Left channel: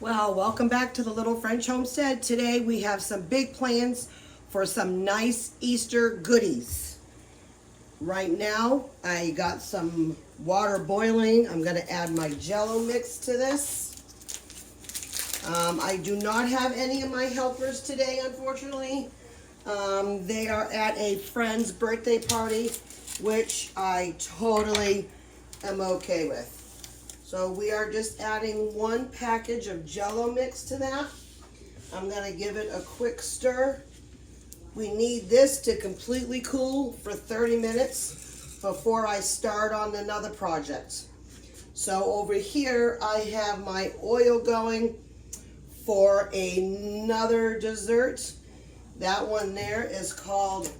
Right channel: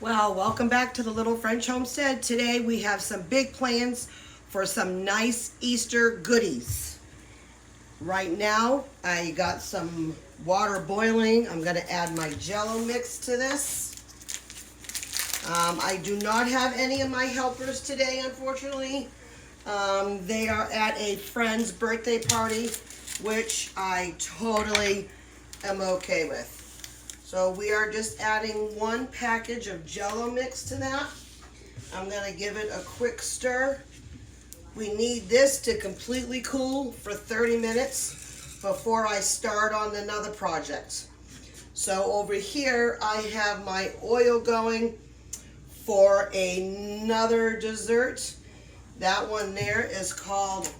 Well, welcome back to the Little French Homestead. Today we have some big plans for some nice Easter goodies. Right now, I got some water boiling. I'm gonna add my Jell-O mix to this. I do not have any of my helpers today, unfortunately. They are at a friend's birthday party, which I totally am okay with. So we are just adding one package of Jell-O mix to that. I'm gonna give it a quick stir. We need this to completely cool for 30 minutes before I start on another project. So over here, I have my oil going for another dessert. That one there is called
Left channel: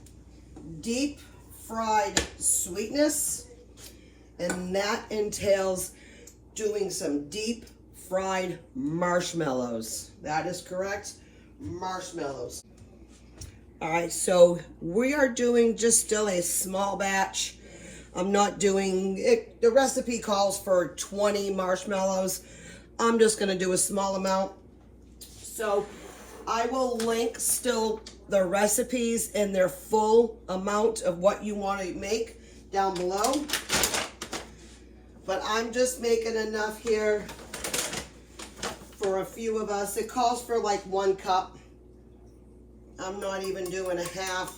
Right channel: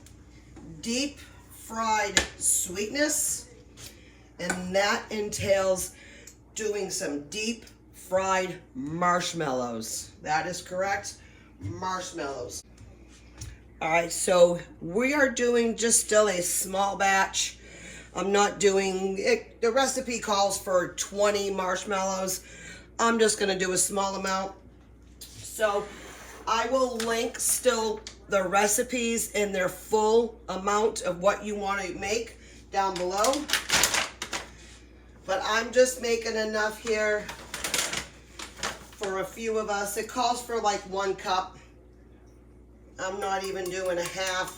deep fried sweetness, and that entails doing some deep fried marshmallows. That is correct, marshmallows. All right, so we are doing just still a small batch. I'm not doing it. The recipe calls for 20 marshmallows. I'm just gonna do a small amount. So I will link still the recipes and their full amount of what you want to make down below. But I'm just making enough here for a few of us. It calls for like 1 cup. I'm not even doing a half.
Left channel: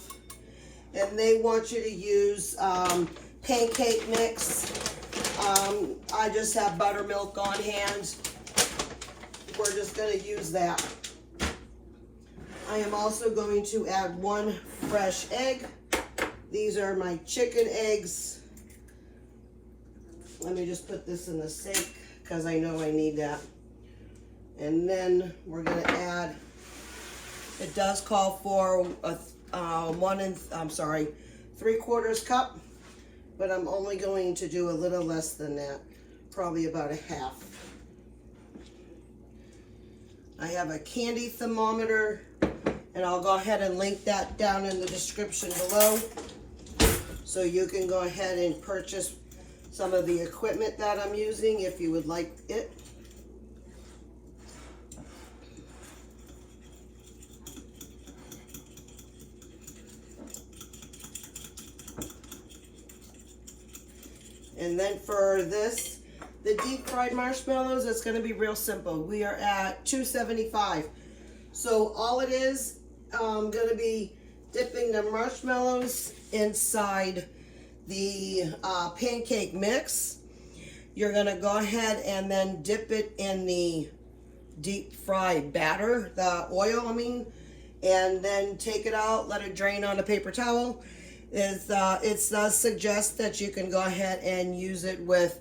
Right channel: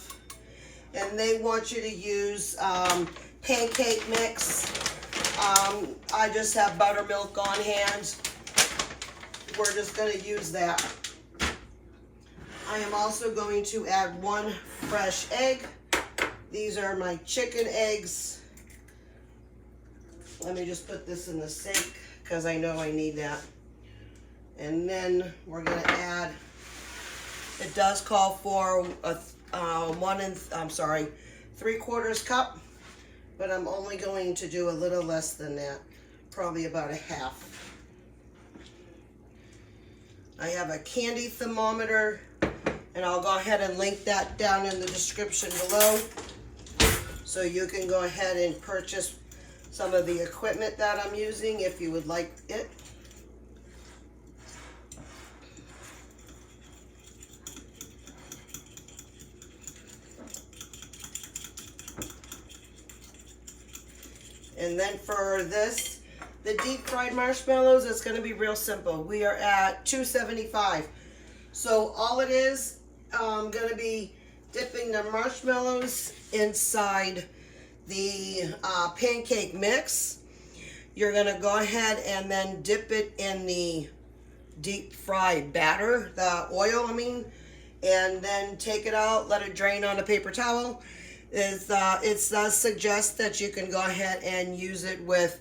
And they want you to use pancake mix. I just have buttermilk on hand. We're just going to use that. I am also going to add 1 fresh egg. These are my chicken eggs. Let me just put this in the sink because I know I need that. And then we're going to add, it does call for a 3/4 cup, but I'm only going to do a little less than that, probably about a half. I have a candy thermometer, and I'll go ahead and link that down in the description below, so you can go ahead and purchase some of the equipment that I'm using if you would like it. And then for this, the deep fried marshmallows, it's gonna be real simple. We are at $2.75. So all it is, I'm gonna be dipping the marshmallows inside the pancake mix. You're gonna go ahead and then dip it in the deep fried batter, the oil I mean, and then take it out, let it drain on a paper towel. It does suggest that you can go ahead and use it with,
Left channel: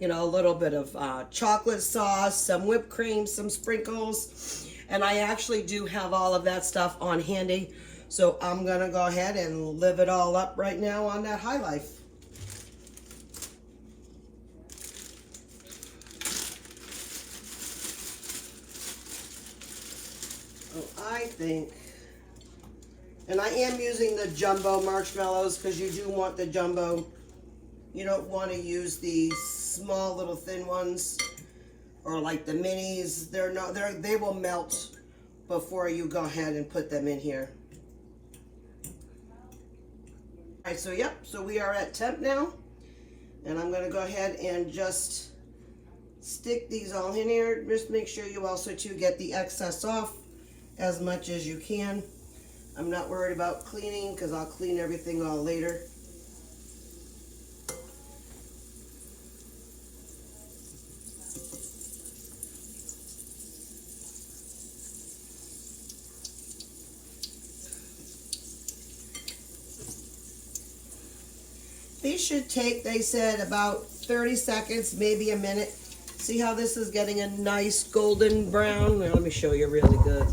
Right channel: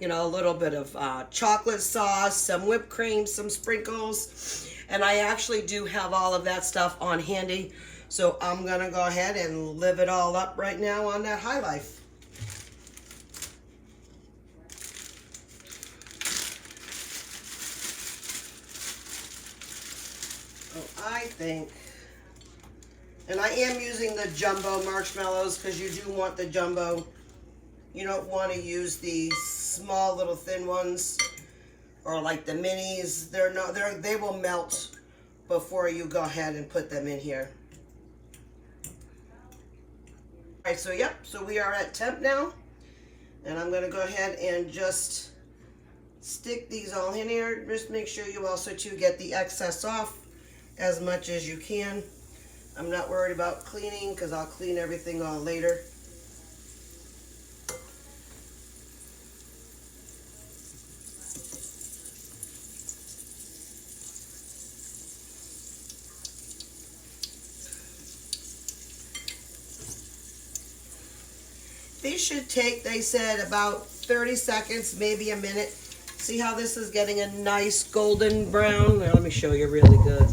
you know, a little bit of chocolate sauce, some whipped cream, some sprinkles, and I actually do have all of that stuff on handy. So I'm gonna go ahead and live it all up right now on that high life. So I think, and I am using the jumbo marshmallows because you do want the jumbo. You don't want to use these small little thin ones or like the minis. They will melt before you go ahead and put them in here. All right, so yep, so we are at temp now, and I'm gonna go ahead and just stick these all in here. Just make sure you also too get the excess off as much as you can. I'm not worried about cleaning because I'll clean everything on later. These should take, they said, about 30 seconds, maybe a minute. See how this is getting a nice golden brown? Now, let me show you really good.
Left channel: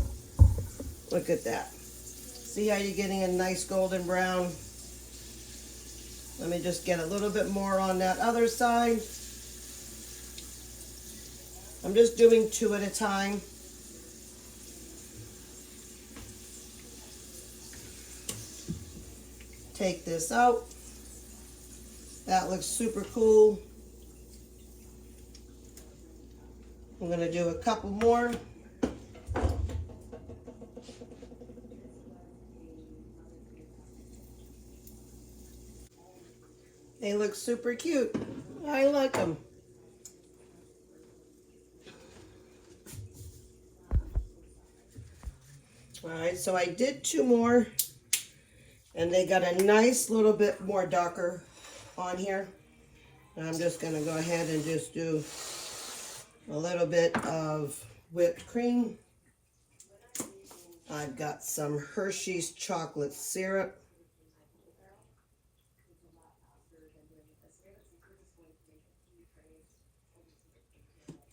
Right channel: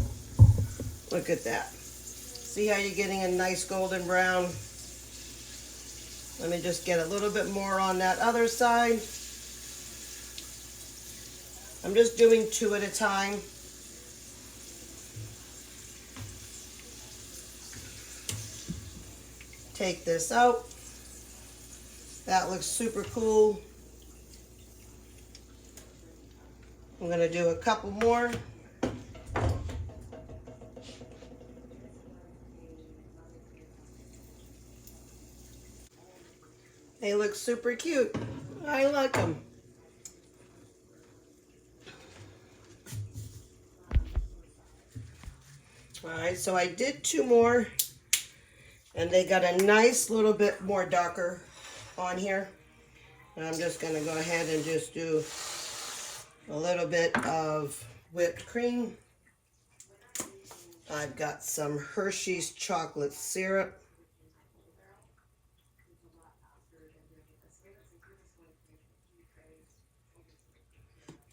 Look at that. See how you're getting a nice golden brown? Let me just get a little bit more on that other side. I'm just doing 2 at a time. Take this out. That looks super cool. I'm going to do a couple more. They look super cute. I like them. All right, so I did 2 more, and they got a nice little bit more darker on here. And I'm just going to go ahead and just do a little bit of whipped cream. I've got some Hershey's chocolate syrup.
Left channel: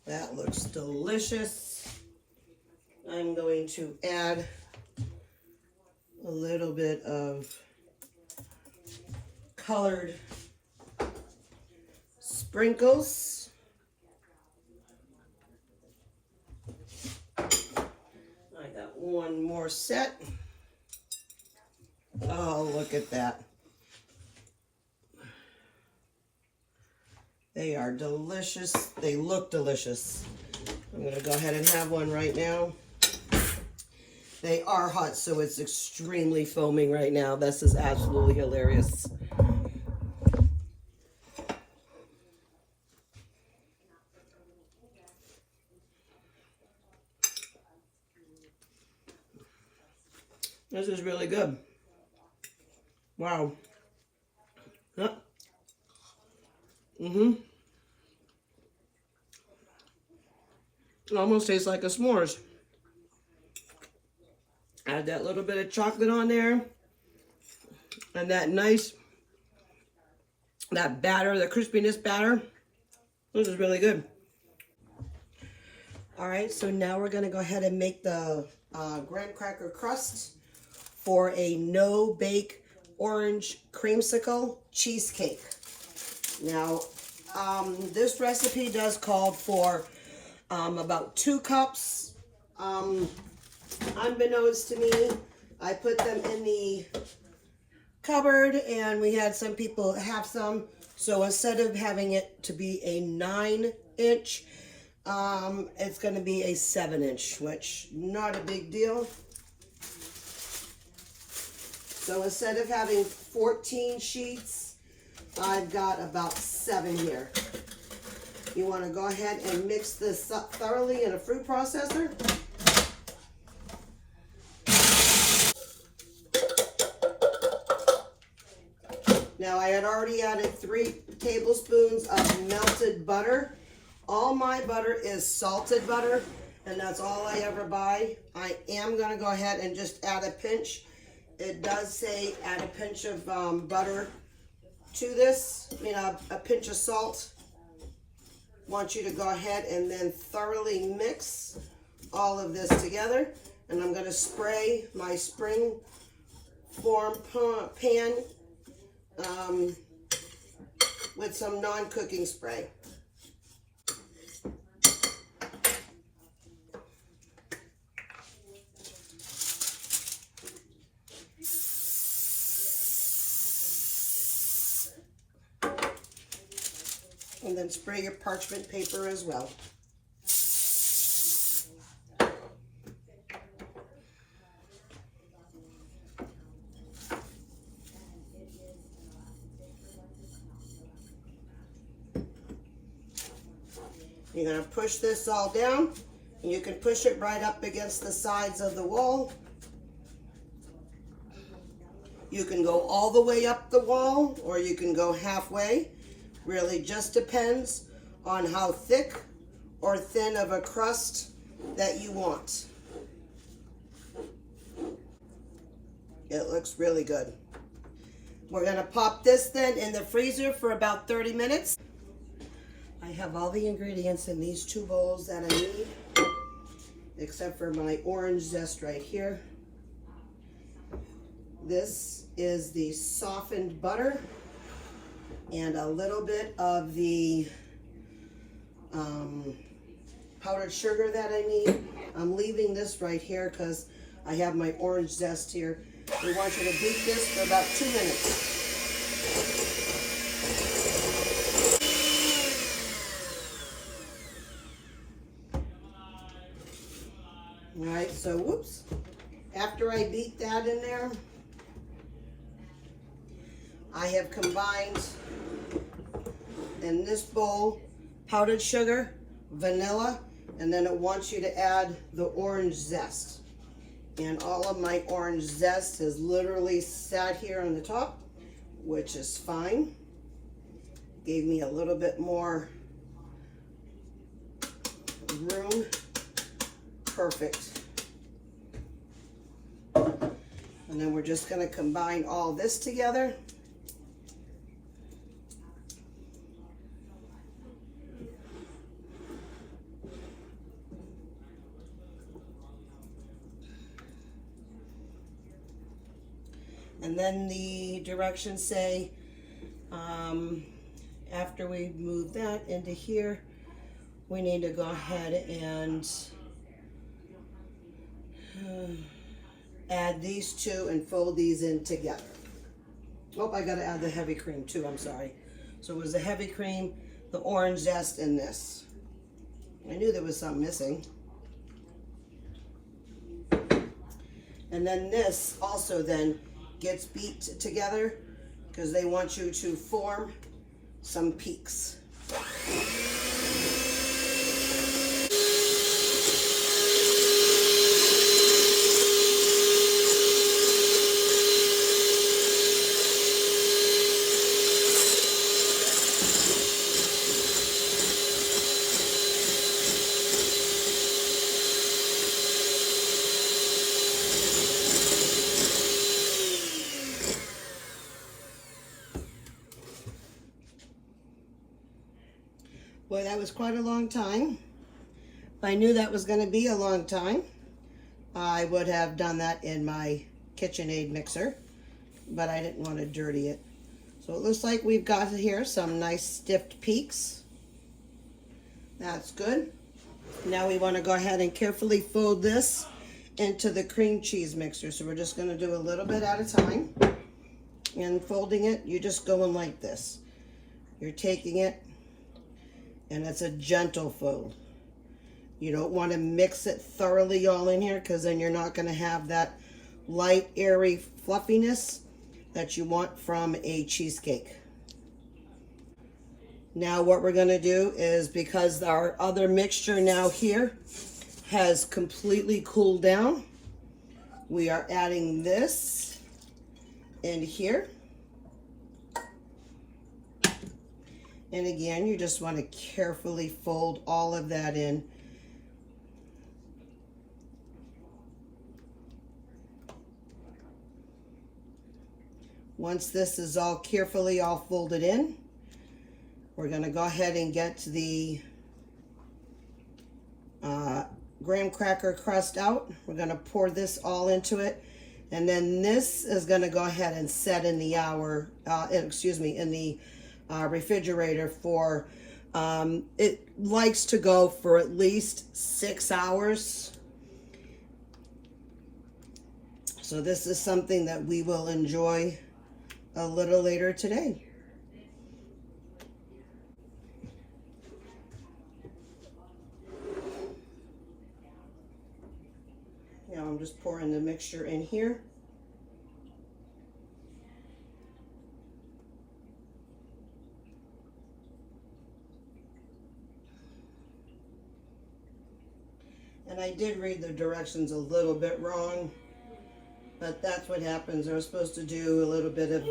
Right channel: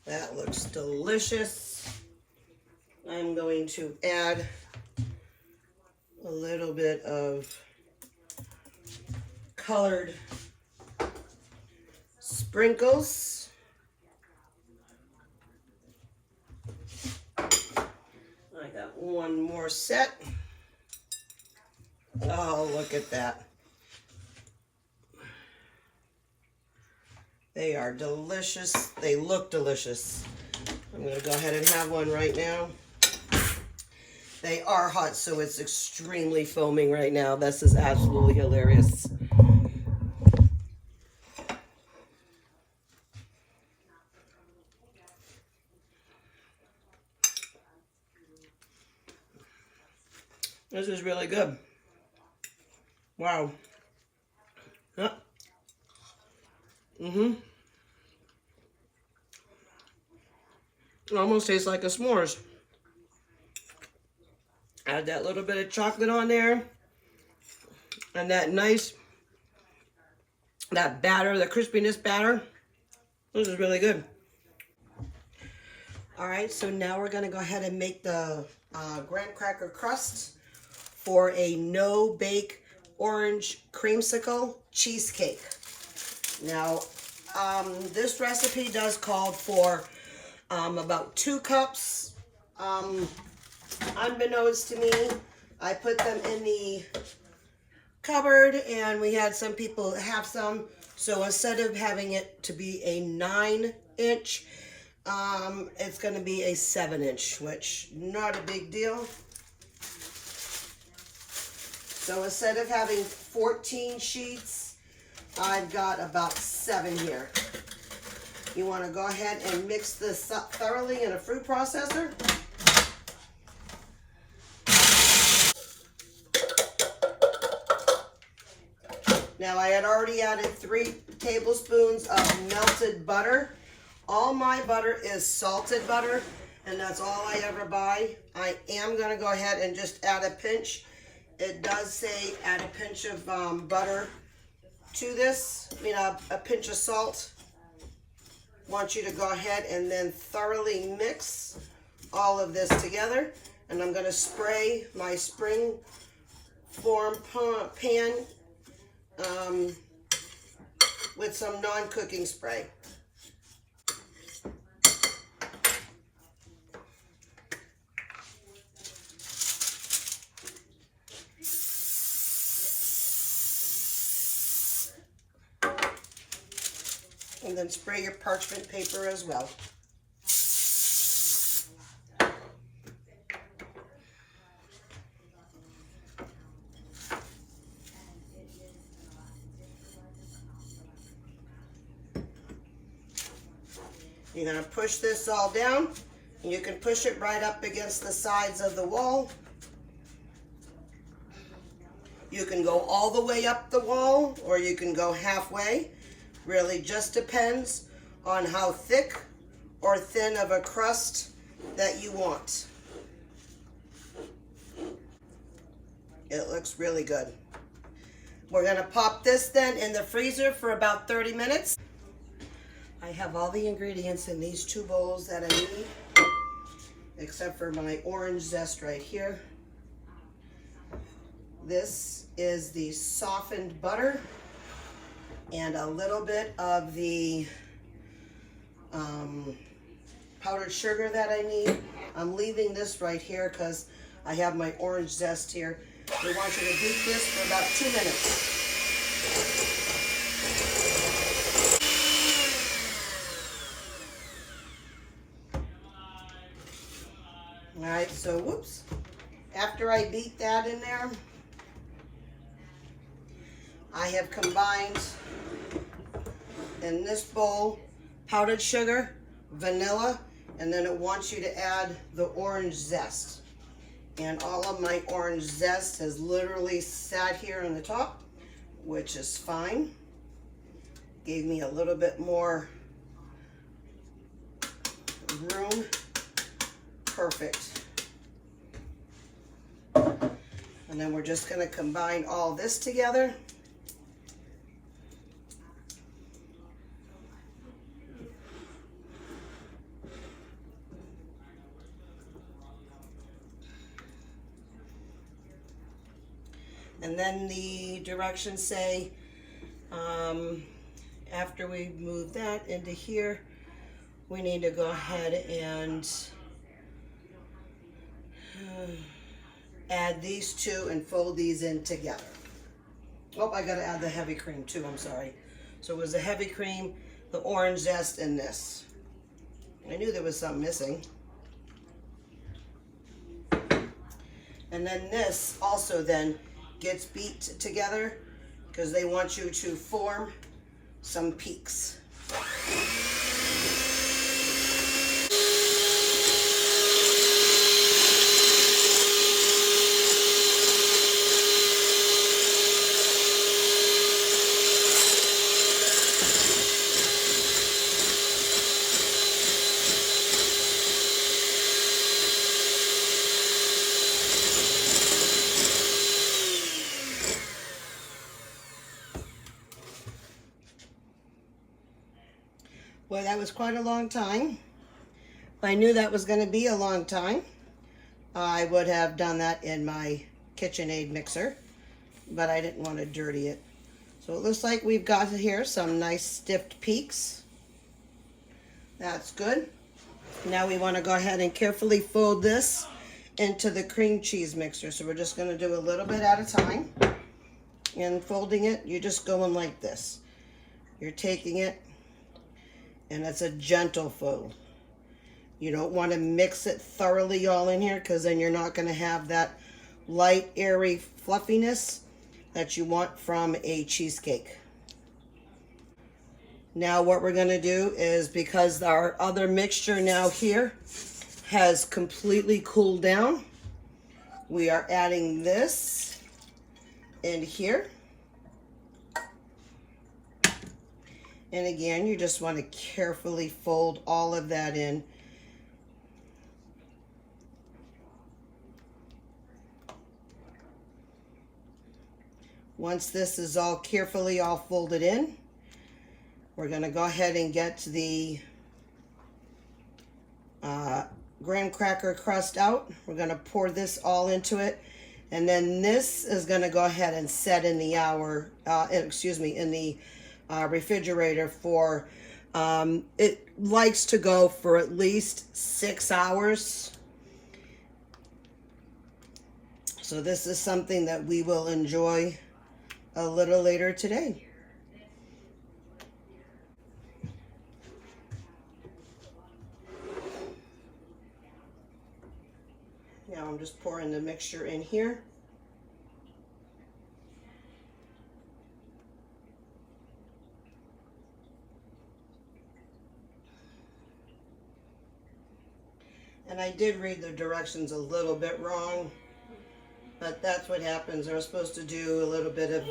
That looks delicious. I'm going to add a little bit of colored sprinkles. I got 1 more set. Oh, look at that. They are delicious. They look delicious. I'm going to go ahead and have one right now. They are hot, so it's extremely foaming right now. This is absolutely hilarious. This is really good. Wow. Huh. It almost tastes like a s'mores. Add that little bit of chocolate on there. And that nice, that batter, the crispiness batter. This is really good. All right, so now we're gonna go ahead and make the graham cracker crust for a no-bake orange creamsicle cheesecake. Now, this recipe does call for about 2 cups. Unbeknownst to me, I put them in the cupboard and we had some people have some. So instead of having it to be a 9-inch, it's going to be a 7-inch, which not a big deal. So instead of having 14 sheets, I've got about 7 here. You want to go ahead and mix this up thoroughly in a food processor. Now I had already added 3 tablespoons of melted butter. All my butter is salted butter, and that's all I ever buy. I am going to go ahead and just add a pinch. It does say add a pinch of butter to this, a pinch of salt. Want you to go ahead and then thoroughly mix all of this together. And I'm going to spray my spring form pan with some non-cooking spray. And then spray your parchment paper as well. You're going to push this all down, and you can push it right up against the sides of the wall. You can go all the way up the wall, or you can go halfway. Really just depends on how thick or thin of a crust that you want. It looks really good. We're going to pop this then in the freezer for about 30 minutes. I have all the ingredients in these 2 bowls that I need, except for my orange zest right here. This is the softened butter and a little bit of the powdered sugar that I need. I'm leaving this right here because I have my orange zest here. We want you to beat this for about 2 minutes. All right, so whoops. After I beat that in there, I have combined in this bowl powdered sugar, vanilla, and then it wants you to add the orange zest. And all of my orange zest has literally sat here on the top, which is fine. Gave me a little bit more room. Perfect. And then we're just going to combine all this together. And then the directions say, after we move that into here, we need to go ahead and add these two and fold these in together. Oh, I gotta add the heavy cream too, I'm sorry. So it was the heavy cream, the orange zest, and this. I knew there was something missing. And then this also then gets beat together because they want you to form some peaks. Boy, that was quite a long time. If I knew that was going to be a long time, I would have done that in my KitchenAid mixer, but I didn't want to dirty it. So it looks like we've got here some nice stiffed peaks. That's good. Now we want to go ahead and carefully fold this into the cream cheese mixer. So we're just going to do a little bit at a time. And folding it, you're just going like this. You're taking it, and it's a gentle fold. You don't want to mix it thoroughly all in here because then you're not going to have that light, airy fluffiness that you want from a cheesecake. Now what we're going to do is, because our other mixture now here has completely cooled down, we are adding this in here. And again, you just want to carefully fold all of that in. Once this is all carefully all folded in, we're going to go ahead and get the graham cracker crust out. We're going to pour this all into it. And then this is going to go ahead and set in the in the refrigerator for, it likes to go for at least 6 hours. So this is something that we will enjoy a little later today. Now I'm just pouring the mixture in here. And I did read the directions a little bit wrong, but that's what happens. They're supposed to do a little bit of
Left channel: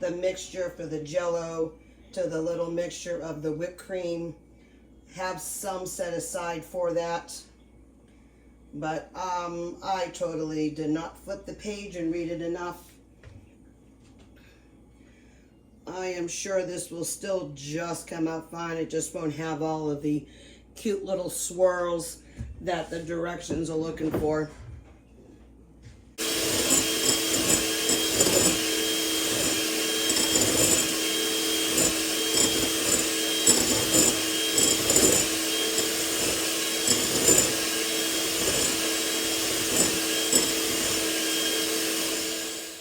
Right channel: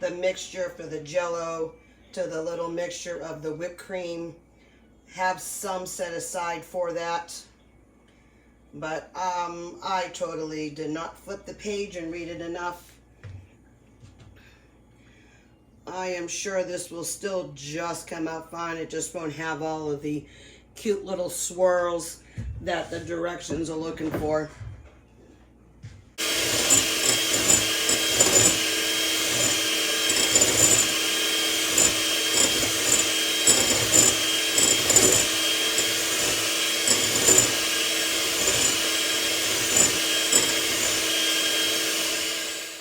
the mixture for the Jell-O to the little mixture of the whipped cream. Have some set aside for that. But I totally did not flip the page and read it enough. I am sure this will still just come out fine. It just won't have all of the cute little swirls that the directions are looking for.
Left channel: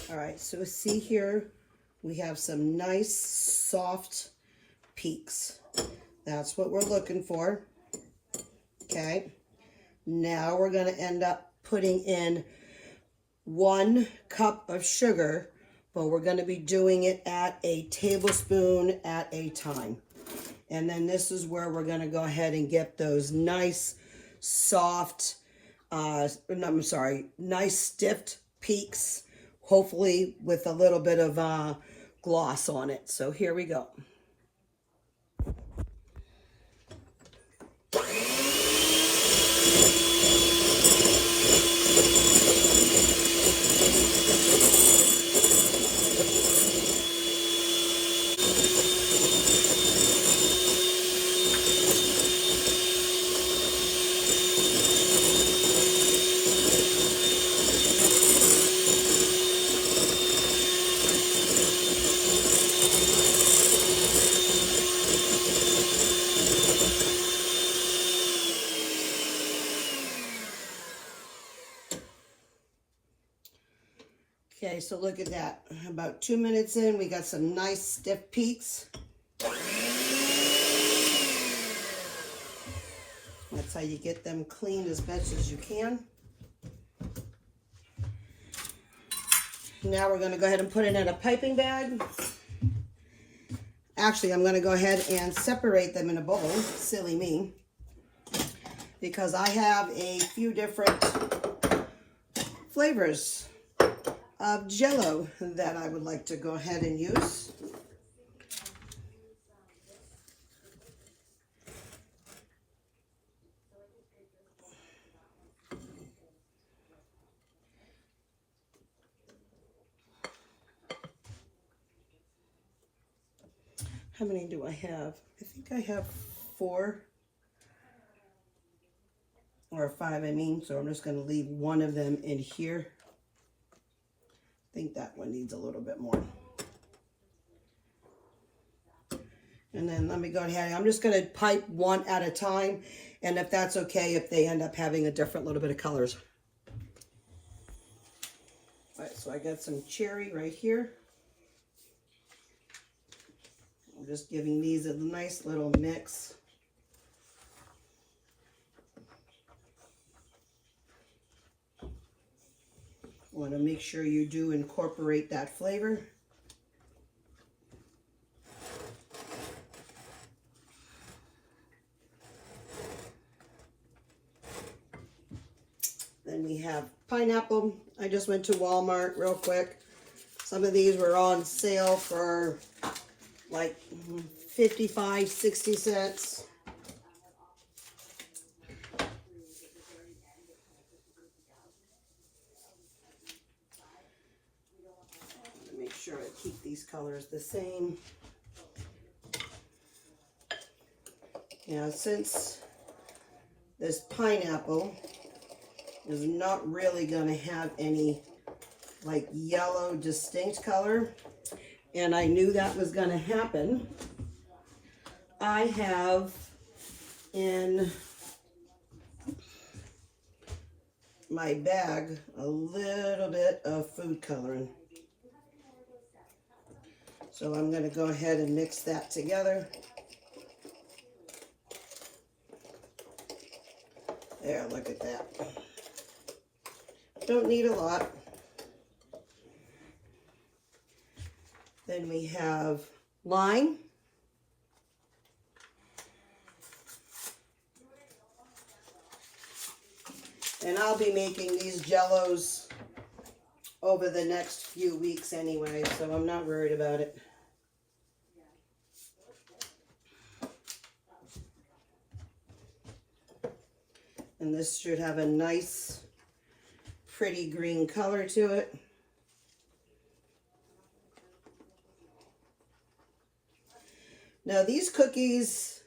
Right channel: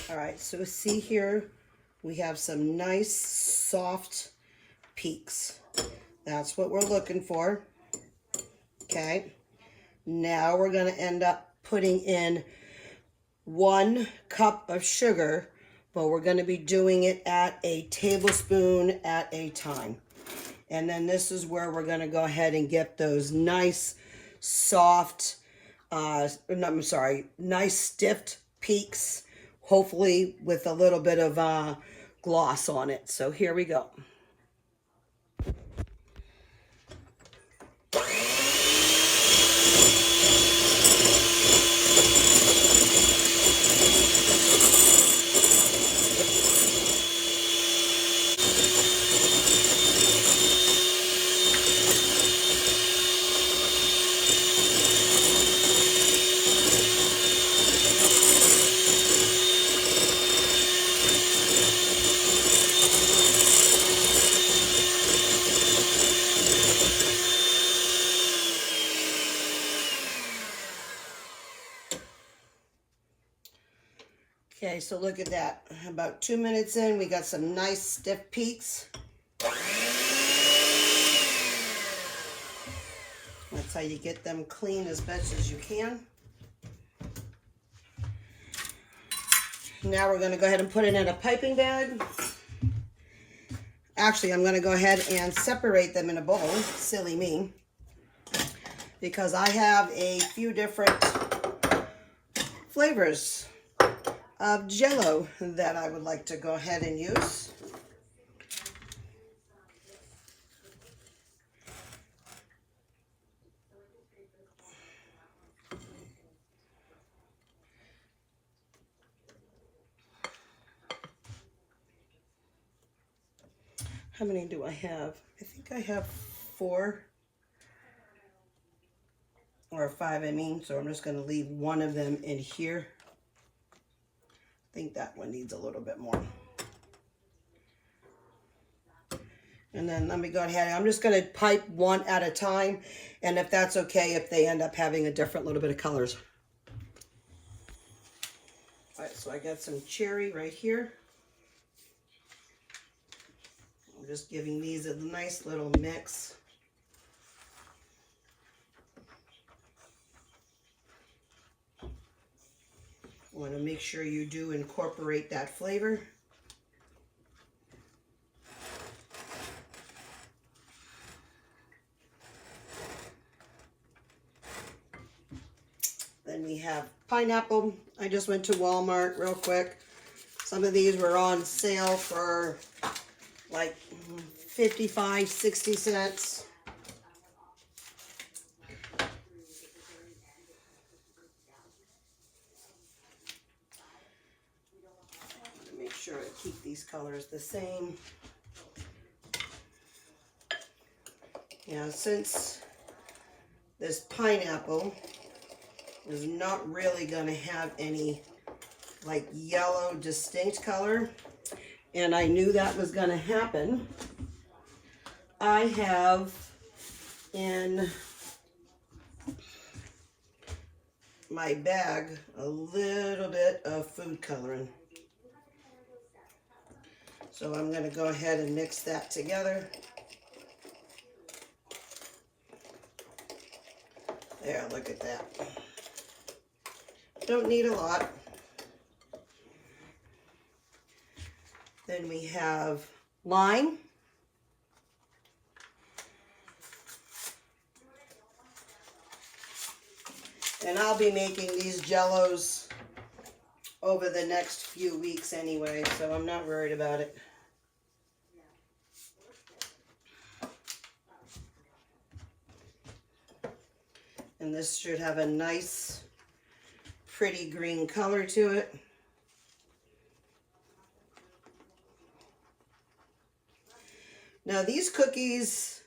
All right, so see here, we have some nice soft peaks. That's what we're looking for. Okay. Now we're going to end up putting in 1 cup of sugar, but we're going to be doing it at a tablespoon at a time. And then this is where we're going to go ahead and get those nice, soft, nice stiff peaks, hopefully with a little bit of gloss on it. So here we go. Okay, so look at that. About 2 minutes in, we got some nice stiff peaks. That's how you get them clean as best as you can. Now we're going to go ahead and put it in a piping bag. Actually, I'm going to go ahead and separate them in a bowl. Silly me. Because I have a few different flavors of Jell-O that I would like to go ahead and use. How many do I have? I think I have 4 or 5, I mean, so I'm just going to leave one of them in here. I think that one needs a little bit more. And then let me go ahead. I'm just going to pipe one at a time. And if that's okay, if they end up having a different little bit of colors. All right, so I got some cherry right here. I'm just giving these a nice little mix. Want to make sure you do incorporate that flavor. Then we have pineapple. I just went to Walmart real quick. Some of these were on sale for like 55, 60 cents. Make sure I keep these colors the same. Now, since this pineapple is not really going to have any like yellow distinct color, and I knew that was going to happen, I have in my bag a little bit of food coloring. So I'm going to go ahead and mix that together. There, look at that. Don't need a lot. Then we have lime. And I'll be making these Jell-Os over the next few weeks anyway, so I'm not worried about it. And this should have a nice, pretty green color to it. Now these cookies,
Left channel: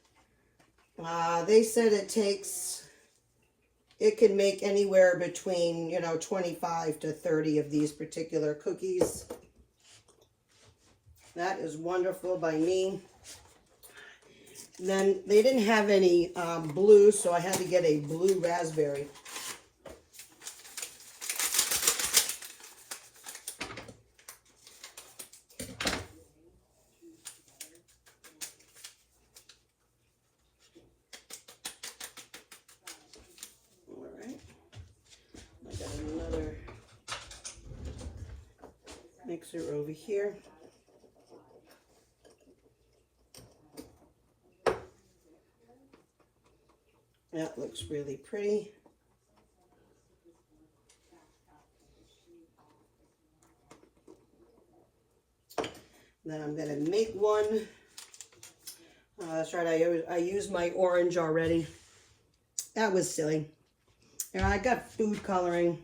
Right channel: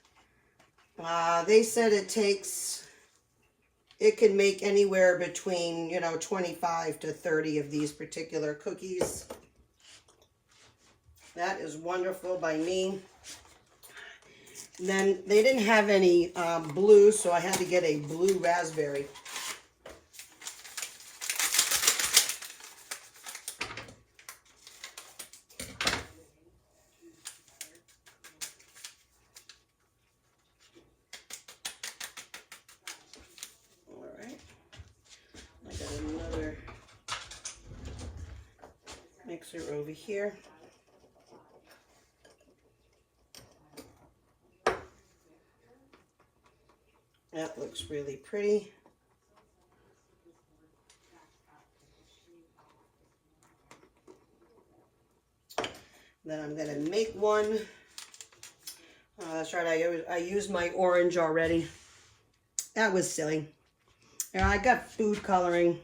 they said it can make anywhere between, 25 to 30 of these particular cookies. That is wonderful by me. And then they didn't have any blue, so I had to get a blue raspberry. All mixer over here. That looks really pretty. Then I'm gonna make one. That's right, I used my orange already. That was silly. Yeah, I got food coloring.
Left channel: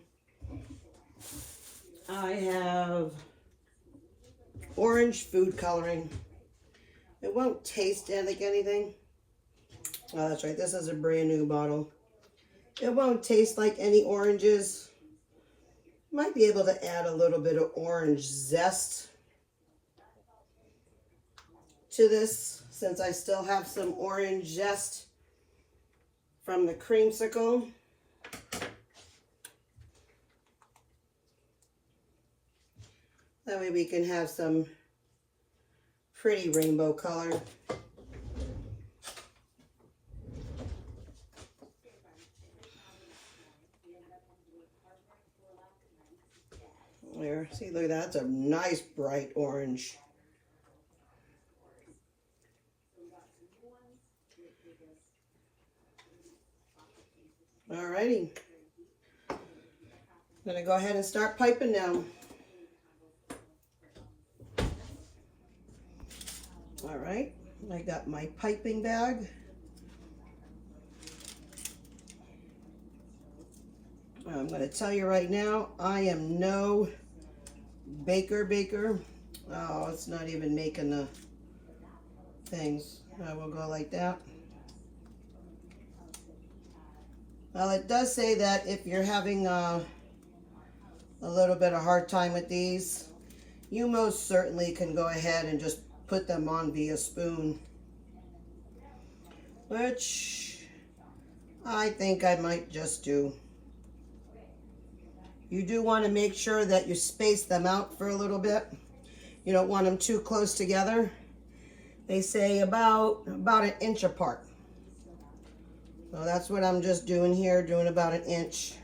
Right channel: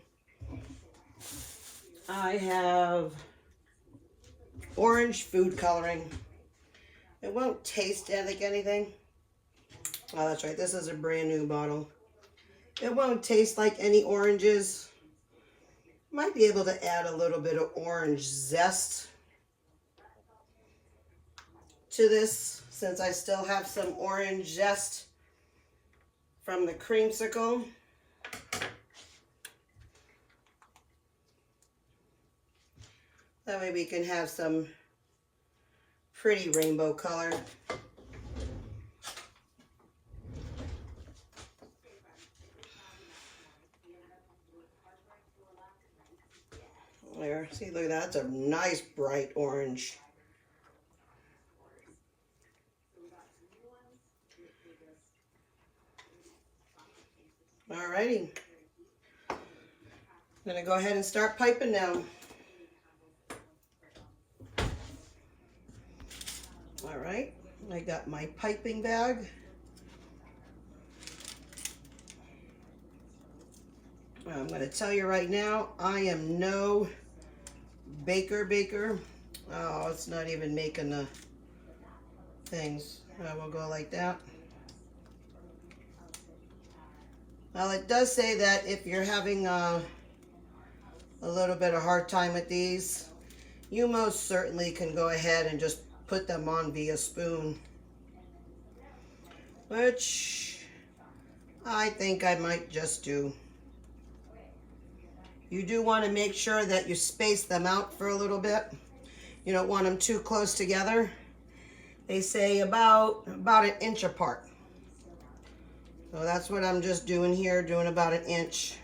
I have orange food coloring. It won't taste like anything. Oh, that's right, this is a brand new bottle. It won't taste like any oranges. Might be able to add a little bit of orange zest to this, since I still have some orange zest from the creamsicle. That way we can have some pretty rainbow color. There, see, look at that. That's a nice bright orange. Alrighty. I'm gonna go ahead and start piping now. Alright, I got my piping bag. I'm gonna tell you right now, I am no baker. Oh, it's not even making the things. I will go like that. Well, it does say that if you're having a little bit of hard time with these, you most certainly can go ahead and just put them on via spoon, which I think I might just do. You do want to make sure that you space them out for a little bit. You don't want them too close together. They say about an inch apart. So that's what I'm just doing here, doing about an inch.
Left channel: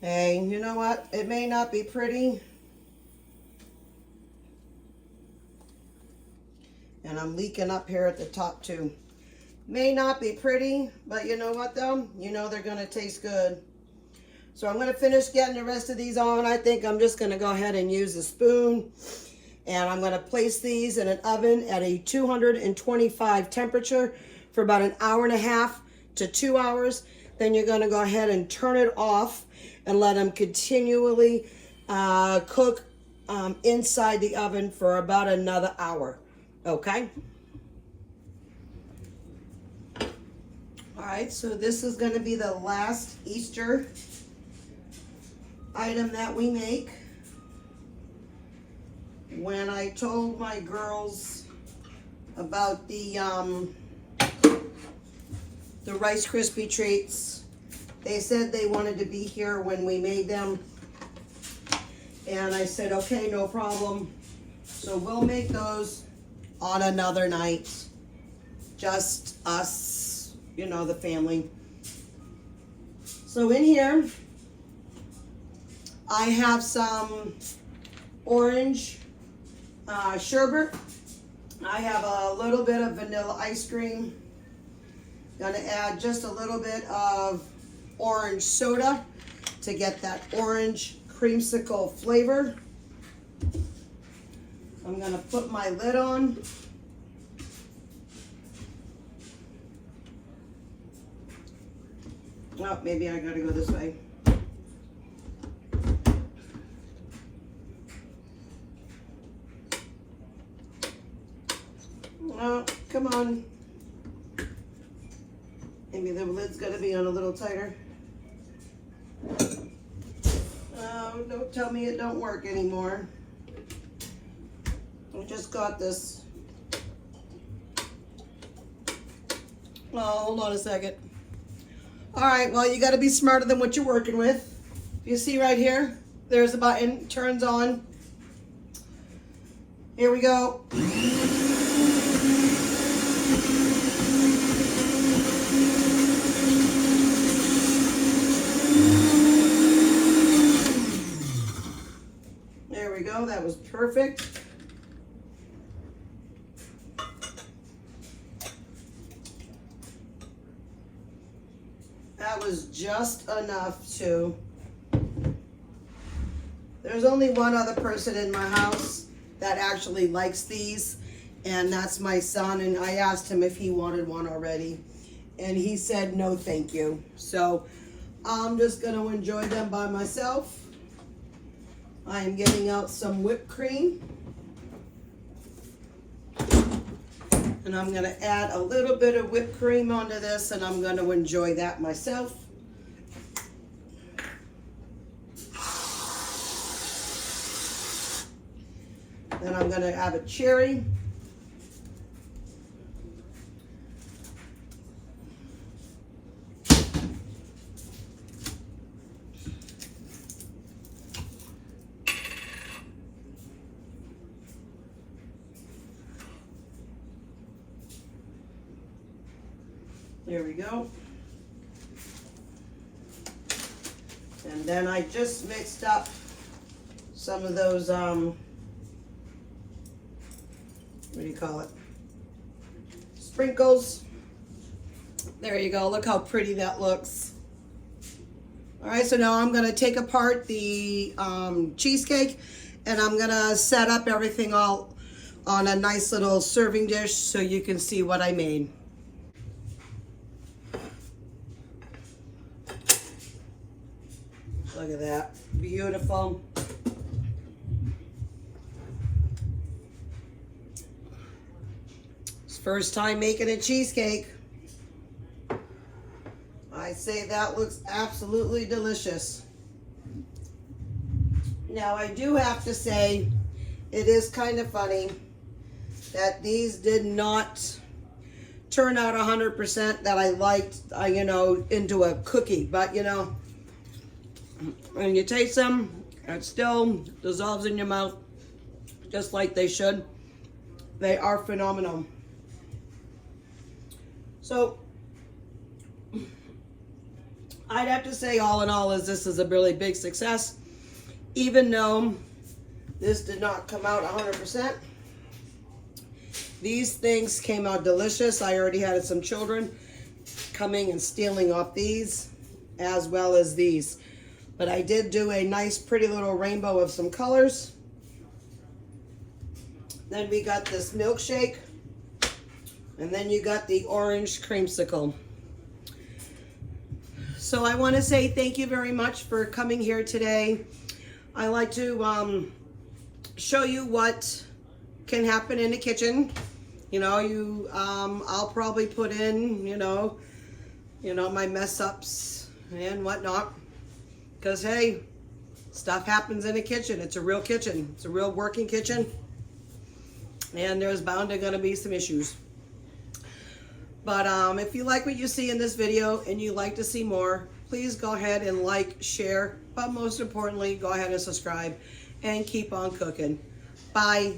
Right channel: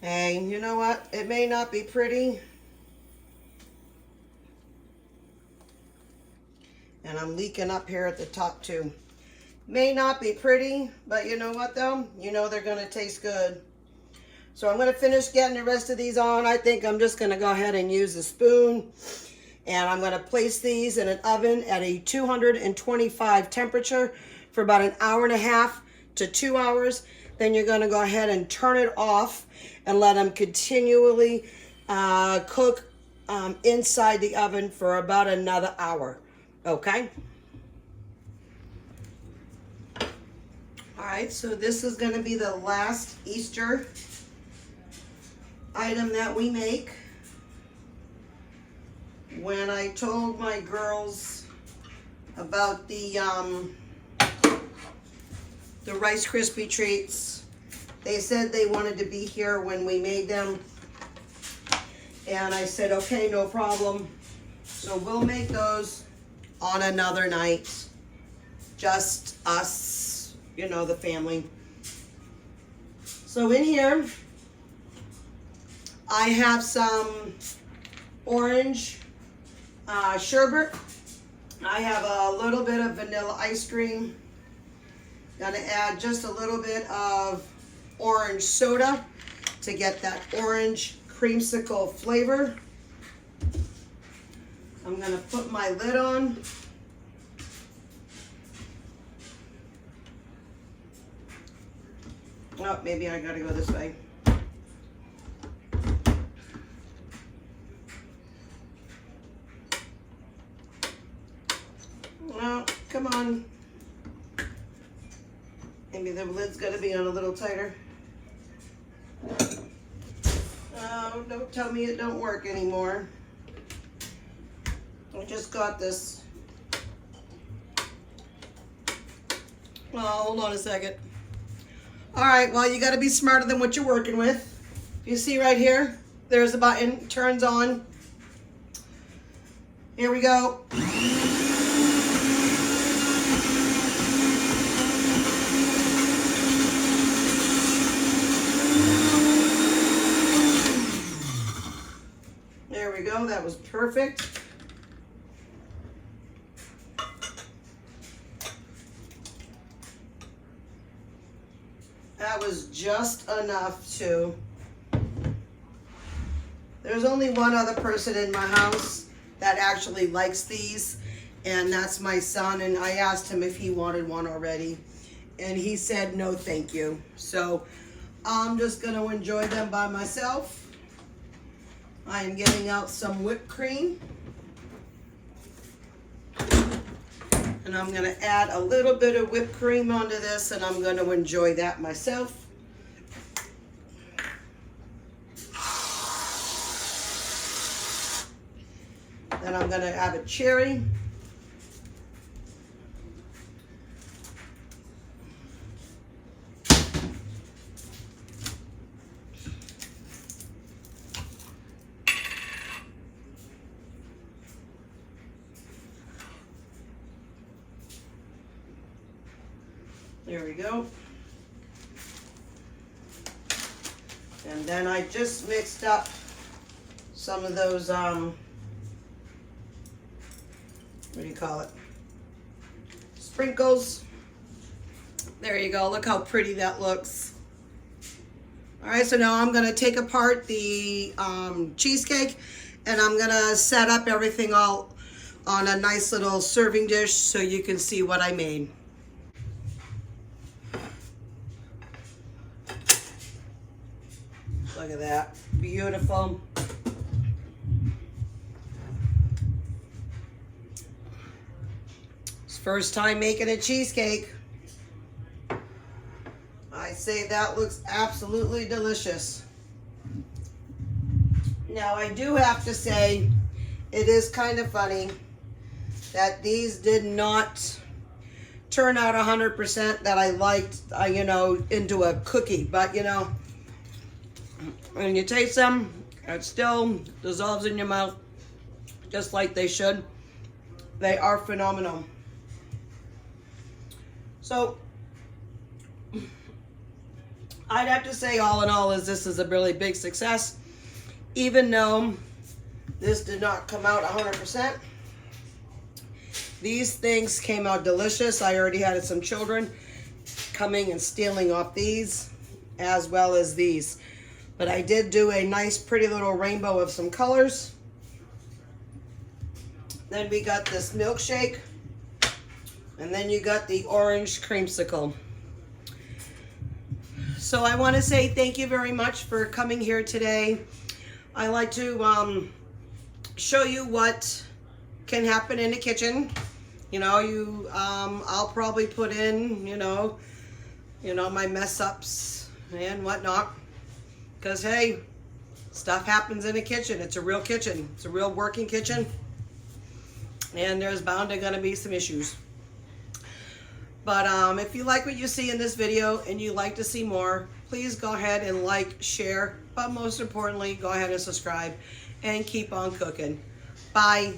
Hey, you know what? It may not be pretty. And I'm leaking up here at the top too. May not be pretty, but you know what though? You know they're gonna taste good. So I'm gonna finish getting the rest of these on. I think I'm just gonna go ahead and use a spoon. And I'm gonna place these in an oven at a 225 temperature for about an hour and a half to 2 hours. Then you're gonna go ahead and turn it off and let them continually cook inside the oven for about another hour, okay? All right, so this is gonna be the last Easter item that we make. When I told my girls about the Rice Krispie treats, they said they wanted to be here when we made them. And I said, okay, no problem. So we'll make those on another night. Just us, you know, the family. So in here, I have some orange sherbet. I have a little bit of vanilla ice cream. Gonna add just a little bit of orange soda to get that orange creamsicle flavor. I'm gonna put my lid on. Oh, maybe I gotta go this way. Oh, come on. Maybe the lid's gotta be on a little tighter. Oh, don't tell me it don't work anymore. I just got this. Oh, hold on a second. All right, well, you gotta be smarter than what you're working with. You see right here, there's a button, turns on. Here we go. perfect. That was just enough to. There's only one other person in my house that actually likes these, and that's my son, and I asked him if he wanted one already, and he said no thank you. So I'm just going to enjoy them by myself. I am getting out some whipped cream, and I'm going to add a little bit of whipped cream onto this, and I'm going to enjoy that myself. Then I'm going to add a cherry. There we go. And then I just mixed up some of those, what do you call it? Sprinkles. There you go. Look how pretty that looks. All right, so now I'm going to take apart the cheesecake, and I'm going to set up everything all on a nice little serving dish so you can see what I made. Look at that. Beautiful. It's first time making a cheesecake. I say that looks absolutely delicious. Now I do have to say it is kind of funny that these did not turn out 100% that I liked, you know, into a cookie. But, you know, when you taste them, it still dissolves in your mouth just like they should. They are phenomenal. So I'd have to say all in all this is a really big success, even though this did not come out 100%. These things came out delicious. I already had some children coming and stealing off these as well as these. But I did do a nice pretty little rainbow of some colors. Then we got this milkshake. And then you got the orange creamsicle. So I want to say thank you very much for coming here today. I like to show you what can happen in the kitchen. You know, I'll probably put in, you know, my mess ups and whatnot. Because, hey, stuff happens in a kitchen. It's a real kitchen. It's a real working kitchen. And there's bound to gonna be some issues. But if you like what you see in this video and you'd like to see more, please go ahead and like, share, but most importantly, go ahead and subscribe and keep on cooking. Bye.